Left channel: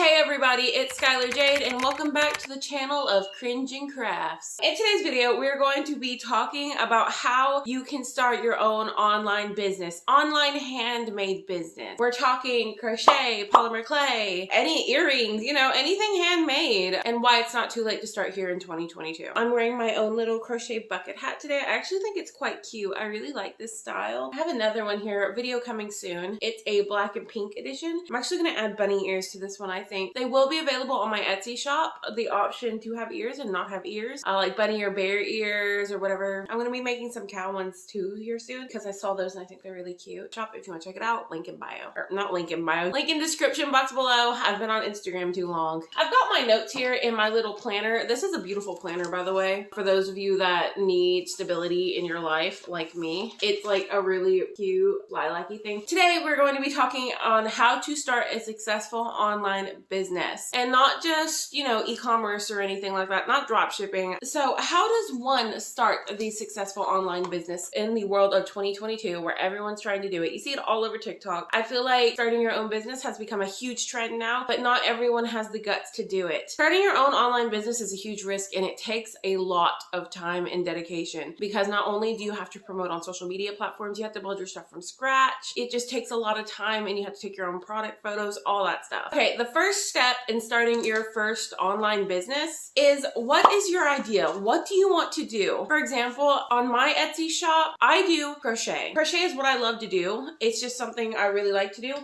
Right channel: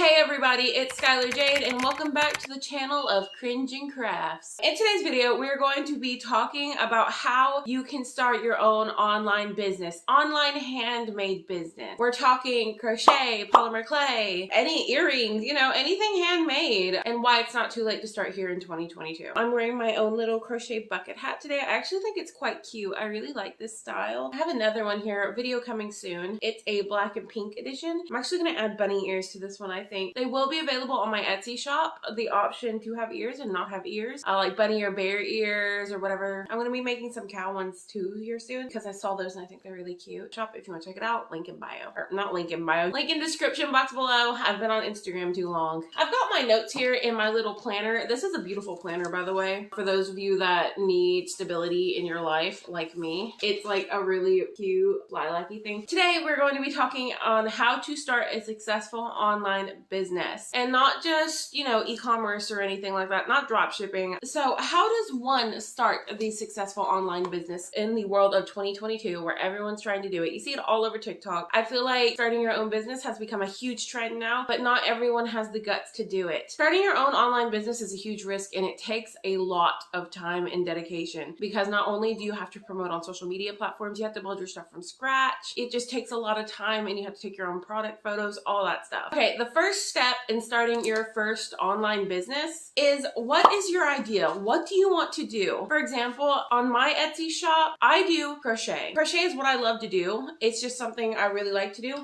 Hey everybody, it's Skylair Jade and welcome back to the channel of Cringing Crafts. In today's video, we're going to be talking about how you can start your own online business, online handmade business. We're talking crochet, polymer clay, any earrings, anything handmade, and why it's not too late to start here in 2022. I'm wearing my own little crochet bucket hat today. I actually think it's quite cute. I really like this style. I have another one here, video coming soon. It's a black and pink edition. I'm actually going to add bunny ears to this one, I think. They will be available on my Etsy shop, the option to have ears and not have ears, like bunny or bear ears or whatever. I'm going to be making some cow ones too here soon because I saw those and I think they're really cute. Shop if you want to check it out, link in bio. Or not link in bio, link in description box below. I've been on Instagram too long. I've got my notes here in my little planner. This is a beautiful planner, by the way, for those of you that need stability in your life like me. It's like a really cute lilac-y thing. Today we're going to be talking on how to start a successful online business, and not just, e-commerce or anything like that, not drop shipping. So how does one start the successful online business in the world of 2022 where everyone's trying to do it? You see it all over TikTok. I feel like starting your own business has become a huge trend now, but not everyone has the guts to do it. Starting your own online business is a huge risk and it takes a lot of time and dedication, because not only do you have to promote on social media platforms, you have to build your stuff from scratch. It just takes a lot of time and you have to take your own product photos, all that stuff. Okay, the first step in starting your first online business is, what is your idea? What do you want to do? For example, on my Etsy shop, I do crochet. Crochet is what I love to do. It's just something I really like to do.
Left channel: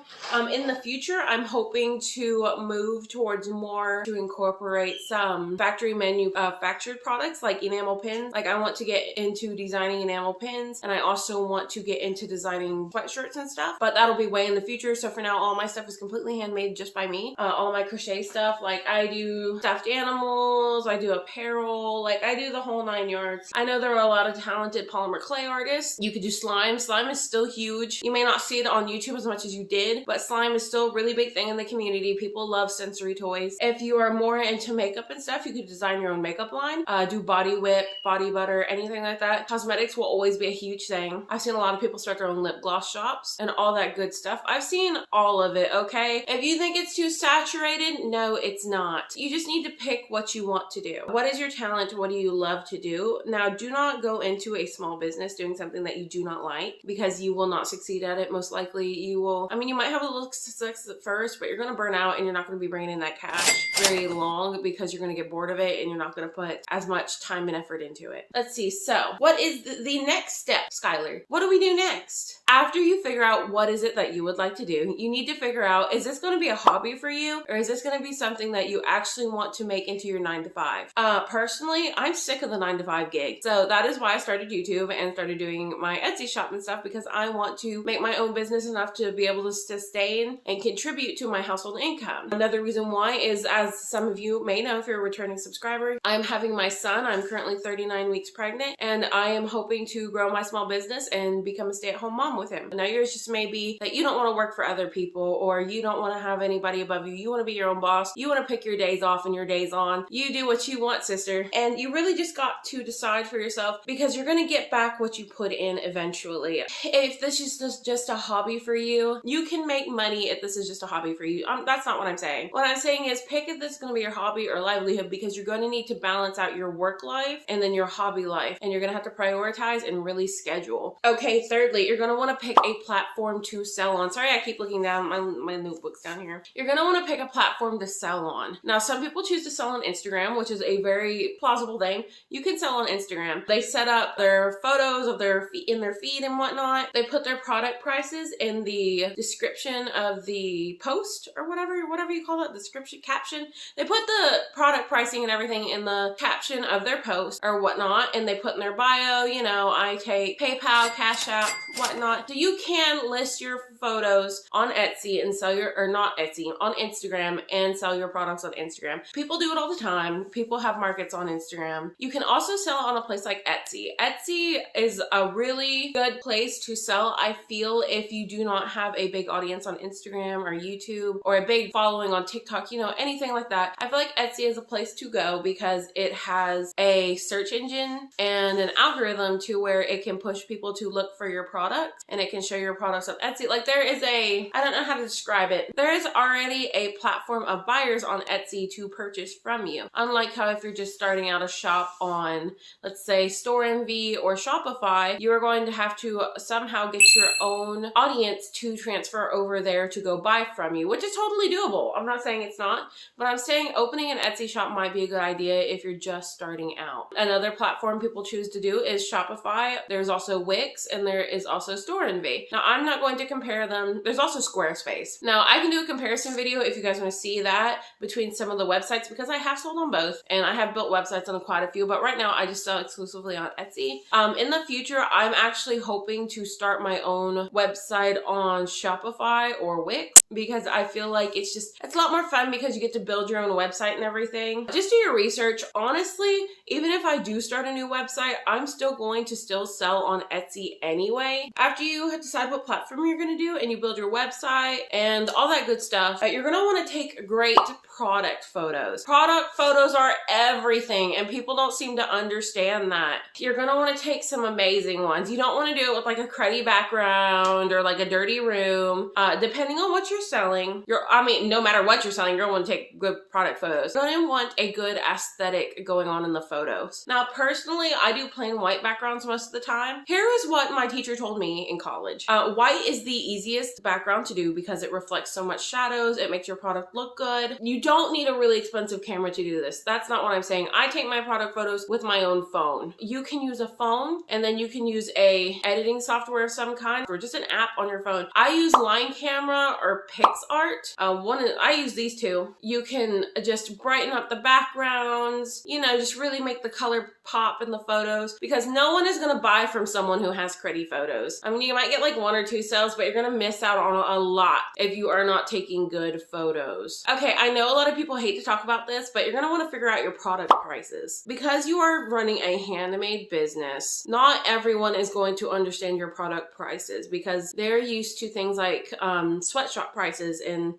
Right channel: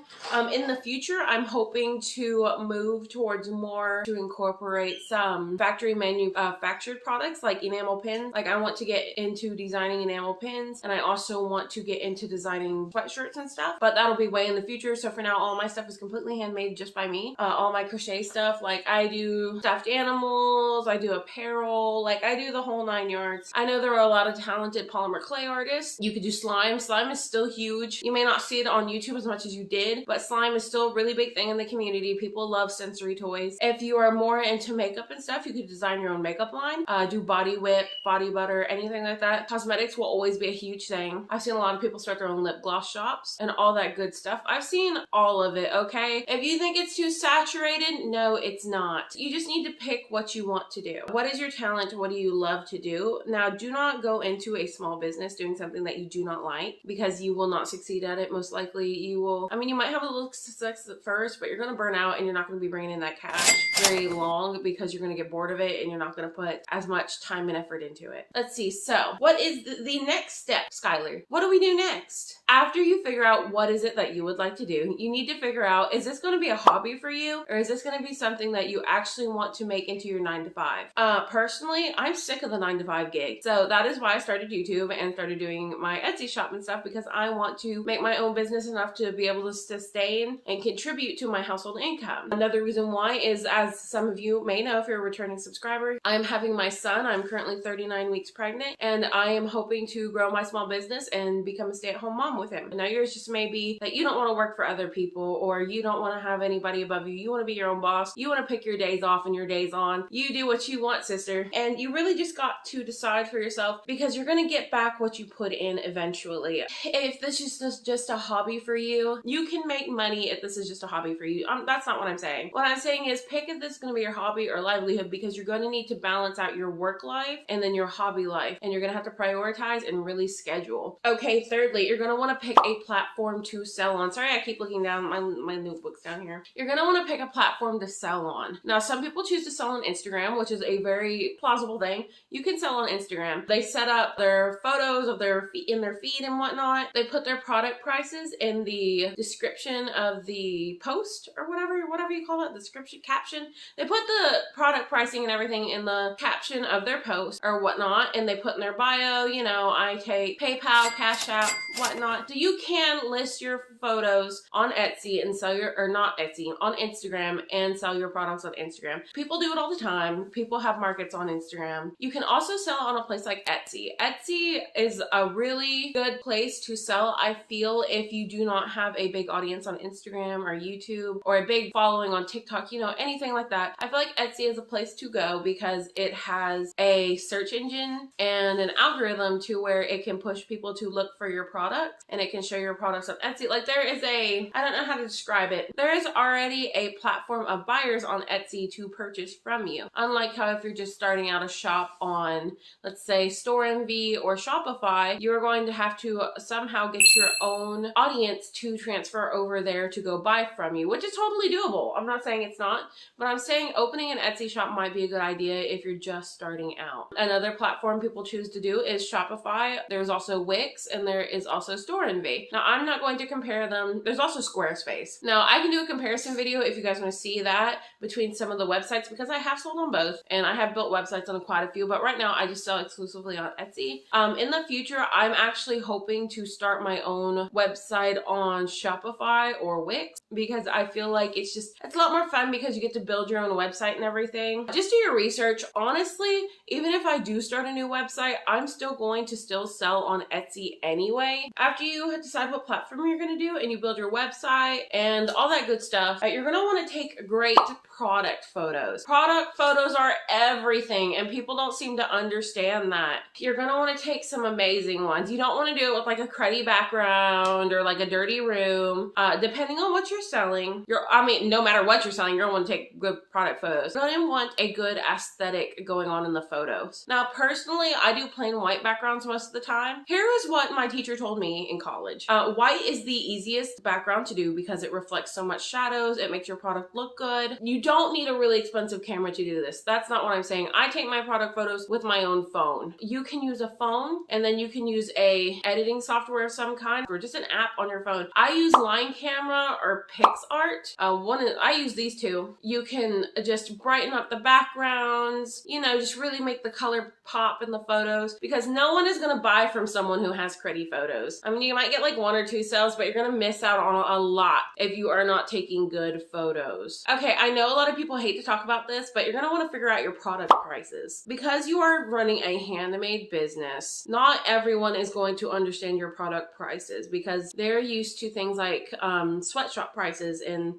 In the future, I'm hoping to move towards more to incorporate some factory manufactured products like enamel pins. Like, I want to get into designing enamel pins, and I also want to get into designing sweatshirts and stuff, but that'll be way in the future. So for now, all my stuff is completely handmade just by me. All my crochet stuff, like I do stuffed animals, I do apparel, like I do the whole 9 yards. I know there are a lot of talented polymer clay artists. You could do slime. Slime is still huge. You may not see it on YouTube as much as you did, but slime is still a really big thing in the community. People love sensory toys. If you are more into makeup and stuff, you could design your own makeup line, do body whip, body butter, anything like that. Cosmetics will always be a huge thing. I've seen a lot of people start their own lip gloss shops and all that good stuff. I've seen all of it, okay? If you think it's too saturated, no, it's not. You just need to pick what you want to do. What is your talent? What do you love to do? Now, do not go into a small business doing something that you do not like, because you will not succeed at it. Most likely you will, you might have a little success at first, but you're going to burn out and you're not going to be bringing in that cash very long, because you're going to get bored of it and you're not going to put as much time and effort into it. Let's see. So what is the next step, Skylar? What do we do next? After you figure out what is it that you would like to do, you need to figure out, is this going to be a hobby for you, or is this going to be something that you actually want to make into your 9 to 5? Personally, I'm sick of the 9 to 5 gig. So that is why I started YouTube and started doing my Etsy shop and stuff, because I want to make my own business enough to be able to sustain and contribute to my household income. Another reason why is, as some of you may know if you're a returning subscriber, I'm having my son. I'm currently 39 weeks pregnant, and I am hoping to grow my small business and become a stay-at-home mom with him. Now, yours just may be that you don't want to work for other people, or you don't want to have anybody above you. You want to be your own boss. You want to pick your days off and your days on. You do what you want, sister. And you really just got to decide for yourself, because you're going to get back what you put in eventually. If this is just a hobby for you, you can make money if this is just a hobby for you. That's not what I'm saying. What I'm saying is, pick if this is going to be your hobby or livelihood, because you're going to need to balance out your work life and then your hobby life, and you're going to have to prioritize and really schedule. Okay, thirdly, you're going to want to pick a platform to sell on. Sorry, I keep looking down my notebooks down here. You're going to want to pick a platform to sell on. Now, some people choose to sell on Instagram, which is a very plausible thing. You can sell on Instagram. They set up their photos of their in their feed and whatnot. They put their product prices in the description of the post, or whatever you call it, description, caption. They put the product pricing and everything in the caption of their post or whatnot, and they put in their bio, I take PayPal, Cash App, whatnot. So you can list your photos on Etsy and sell not Etsy, on Instagram, and sell your products on Instagram. People do it all the time. People have markets on Instagram. You can also sell on a place like Etsy. Etsy is a really good place to sell, I feel, if you do not have a big audience on Instagram or YouTube, or a big following on TikTok, anything like that. I feel like Etsy is a place to go because it has a search engine and an algorithm to where it can push people to look for your products, and it can show your products on Etsy. Like, there is I don't know how to describe it. There is already a a platform of buyers on Etsy to purchase from you. Unlike how if you're just starting out a shop on, let's say, Store Envy or Shopify, you're going to have to somehow get your own audience to transfer over there to go buy from you, which is totally doable. I'm not saying it's not, but I'm saying opening an Etsy shop might be a good idea if you're just starting out. Another platform people choose to do is Shopify. There's also Wix, and there is also Store Envy. Now, I'm not going to compare them. There's also Squarespace. Now, I can do a comparison video if you guys want to see that between some of the websites, because I have sold on both and I have built websites on quite a few, but right now I just sell exclusively on Etsy. In the future, I'm actually hoping to start my own website on Shopify or Wix, because I feel like it's a lot more fun because you get to build your own website and everything. Just do your research. Honestly, even if I do start a new website, I'm still going to sell on Etsy anyway. After you decide what platform you're going to do and you build your website and all that good stuff, you're going to want to take great product photos. Product photos are everything, and people don't seem to understand that. You're going to want to take some amazing ones. You don't want to do it with like a cruddy background or like a dirty room. Depending on what you're selling, no matter what you're selling, you're going to want to take good product photos. You're going to want a good aesthetic going on in the photos. Now, personally, I do plain white backgrounds most of the time. Here is what my teacher told me in college. White is the easiest background to do because it reflects so much shadows. It makes your product look good. You don't need a really expensive camera to do this. That's not what I'm saying. I take my product photos with my own phone. You can use a phone, and then you can use a editing software of some kind, or just an app on your phone. I use Line Camera or Pics Art. I use these two. You can just brighten up the backgrounds, just really make the color pop in the photos, because no one is going to buy from someone who has pretty photos. I mean, you might get like 1 or 2 sales, but you're going to miss out on a lot if you are not taking good photos. Okay, I know a lot of people hate to talk about this, but you're going to want to figure out your product prices. Because you are running a handmade business, not everyone is going to understand your product prices, because they're used to things like sweatshop prices and,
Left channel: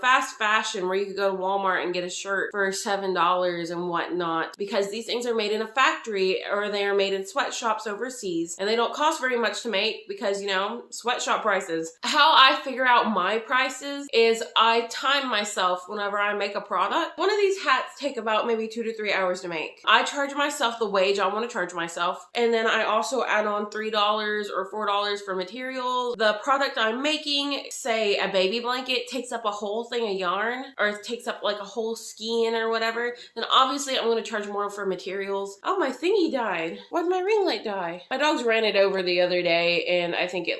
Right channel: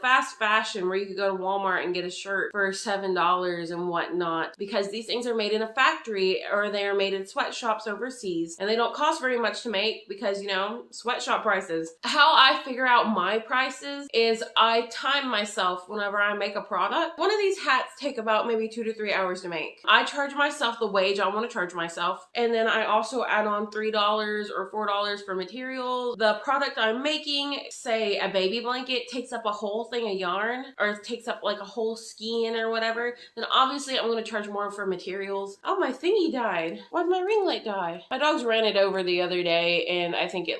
fast fashion, where you could go to Walmart and get a shirt for $7 and whatnot, because these things are made in a factory or they are made in sweatshops overseas, and they don't cost very much to make because, sweatshop prices. How I figure out my prices is I time myself whenever I make a product. One of these hats take about maybe 2 to 3 hours to make. I charge myself the wage I want to charge myself, and then I also add on $3 or $4 for materials. The product I'm making, say a baby blanket, takes up a whole thing of yarn, or it takes up like a whole skein or whatever, then obviously I'm going to charge more for materials. Oh, my thingy died. Why did my ring light die? My dogs ran it over the other day, and I think it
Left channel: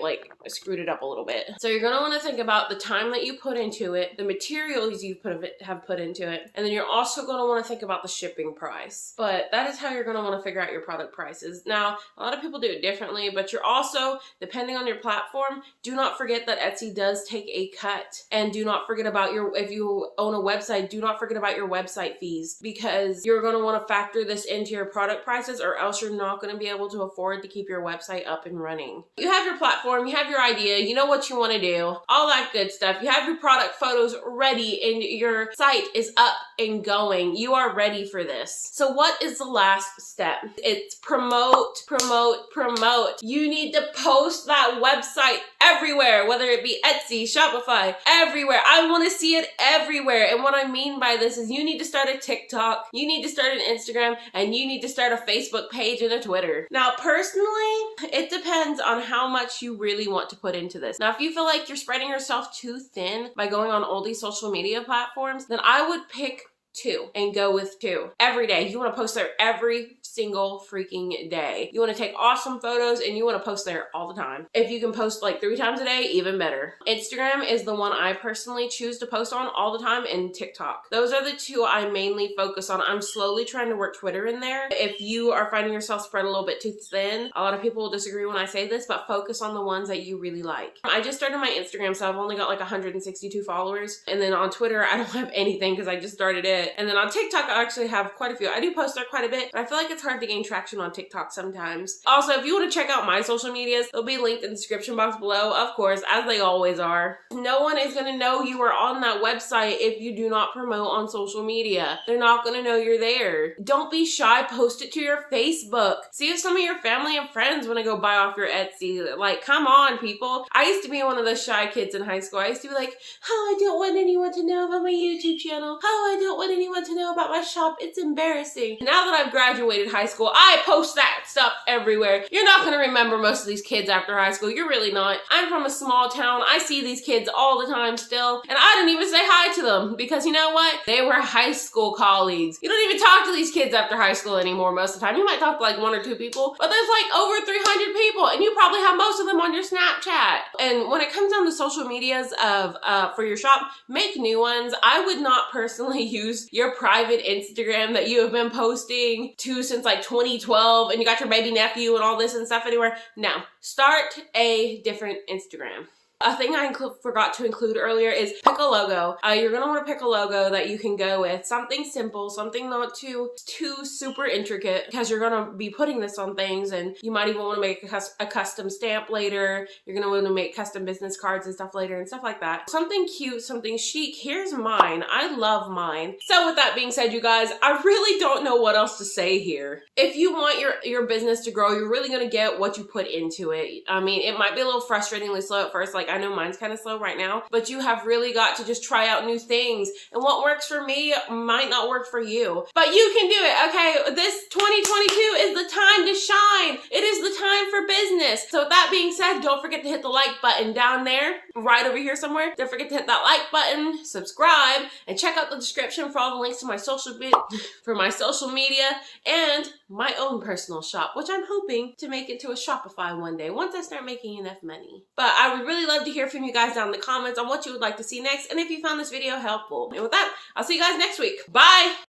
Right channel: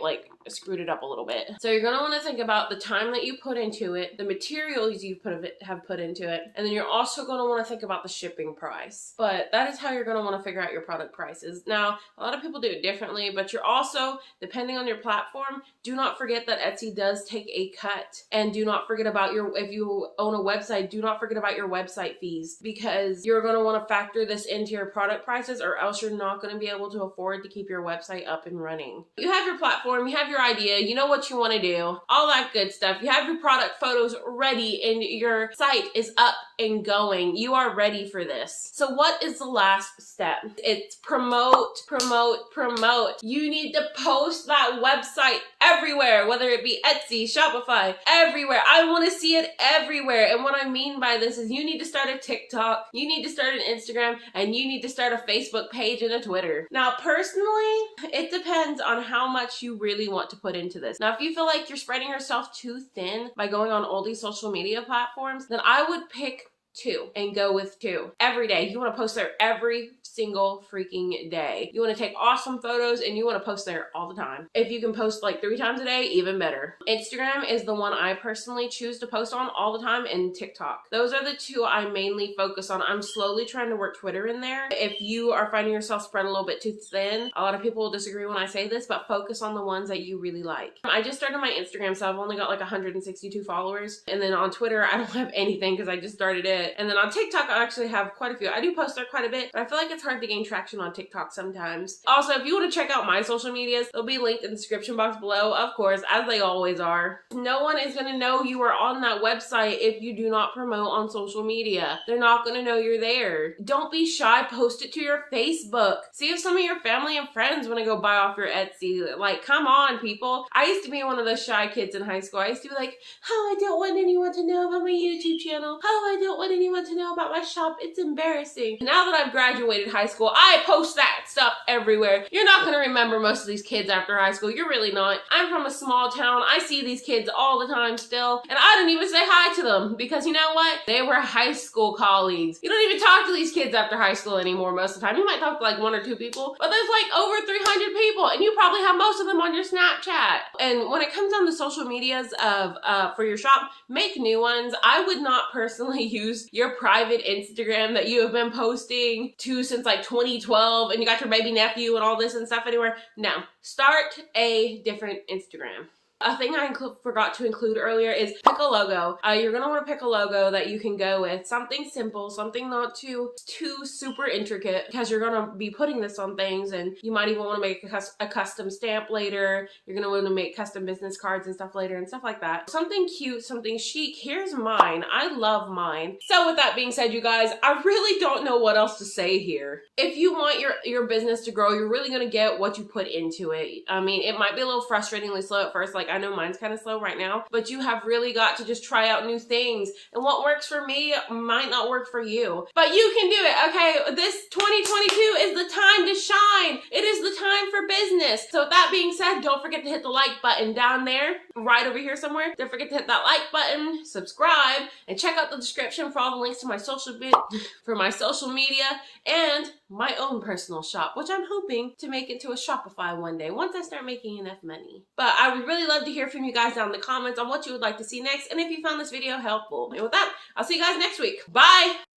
screwed it up a little bit. So you're going to want to think about the time that you put into it, the materials you have put into it, and then you're also going to want to think about the shipping price. But that is how you're going to want to figure out your product prices. Now, a lot of people do it differently, but you're also, depending on your platform, do not forget that Etsy does take a cut. And do not forget about if you own a website, do not forget about your website fees, because you're going to want to factor this into your product prices, or else you're not going to be able to afford to keep your website up and running. You have your platform, you have your idea, you know what you want to do, all that good stuff. You have your product photos ready and your site is up and going. You are ready for this. So what is the last step? It's promote, promote, promote. You need to post that website everywhere, whether it be Etsy, Shopify, everywhere. I want to see it everywhere. And what I mean by this is you need to start a TikTok, you need to start an Instagram, and you need to start a Facebook page and a Twitter. Now, personally, it depends on how much you really want to put into this. Now, if you feel like you're spreading yourself too thin by going on all these social media platforms, then I would pick 2 and go with 2 every day. You want to post there every single freaking day. You want to take awesome photos and you want to post there all the time. If you can post like 3 times a day, even better. Instagram is the one I personally choose to post on all the time, and TikTok. Those are the 2 I mainly focus on. I'm slowly trying to work Twitter in there. If you are finding yourself spread a little bit too thin, a lot of people will disagree when I say this, but focus on the ones that you really like. I just started my Instagram, so I've only got like 162 followers. And then on Twitter, I don't have anything because I just started it. bit. And then on TikTok, I actually have quite a few. I do post there quite a bit, but I feel like it's hard to gain traction on TikTok sometimes. Also, if you want to check out my social medias, they'll be linked in the description box below, of course, as they always are. No one is going to know you are on that website if you do not promote on social media. They're not going to know you're there. Don't be shy. Post it to your Facebook. See if some of your family and friends want to go buy off your Etsy. Like, come on, people. I used to be one of those shy kids in high school. I used to be like, oh, I don't want anyone to know about my YouTube channel. Oh, I don't want anyone to know about my shop. It's embarrassing. Now that I've graduated high school, I post that stuff everywhere. You're not going to remember most of these kids after high school. You're really not. I'm from a small town. I see these kids all the time still, and I don't even say hi to them because you know what? They were high school colleagues. You don't even talk to these kids after high school anymore most of the time. You might talk to like 1 or 2 people, but there's like over 300 people, and you probably have most of them on your Snapchat. And when it comes down to social medias of for your shop, make new ones. I would not personally use your private Instagram that you have been posting to since like 2012, and you got your baby nephew and all this and stuff anywhere. No, start a different Instagram. A thing I forgot to include earlier is pick a logo. You're going to want to pick a logo that you can go with. Something simple, something not too super intricate, because you're going to be putting this on things, and you might even want to make a custom stamp later. You're going to want to make custom business cards and stuff later and stuff like that. Something cute, something chic. Here's mine. I love mine. So with that being said, you guys, I really don't know what else to say here. If you want your business to grow, you're really going to get what you put into it. I mean, it might be a little frustratingly slow at first. Like, I know mine's kind of slow right now, but you have really got to just try out new things. And what works for me might not work for you, but you can do it, okay? This 2022 is the time to shine. It is the time for business. So with that being said, don't forget to hit the like button down there, right over here somewhere. Don't forget to hit that like button, subscribe, and check out the description for all the links to my social media and my own personal shop, which I'm hoping to make into a Shopify one day once I start making enough money. But I would really love to hear from you guys down in the comments on what you would like to see next, and if you found this video helpful. And with that, I'll see you guys next week. Bye!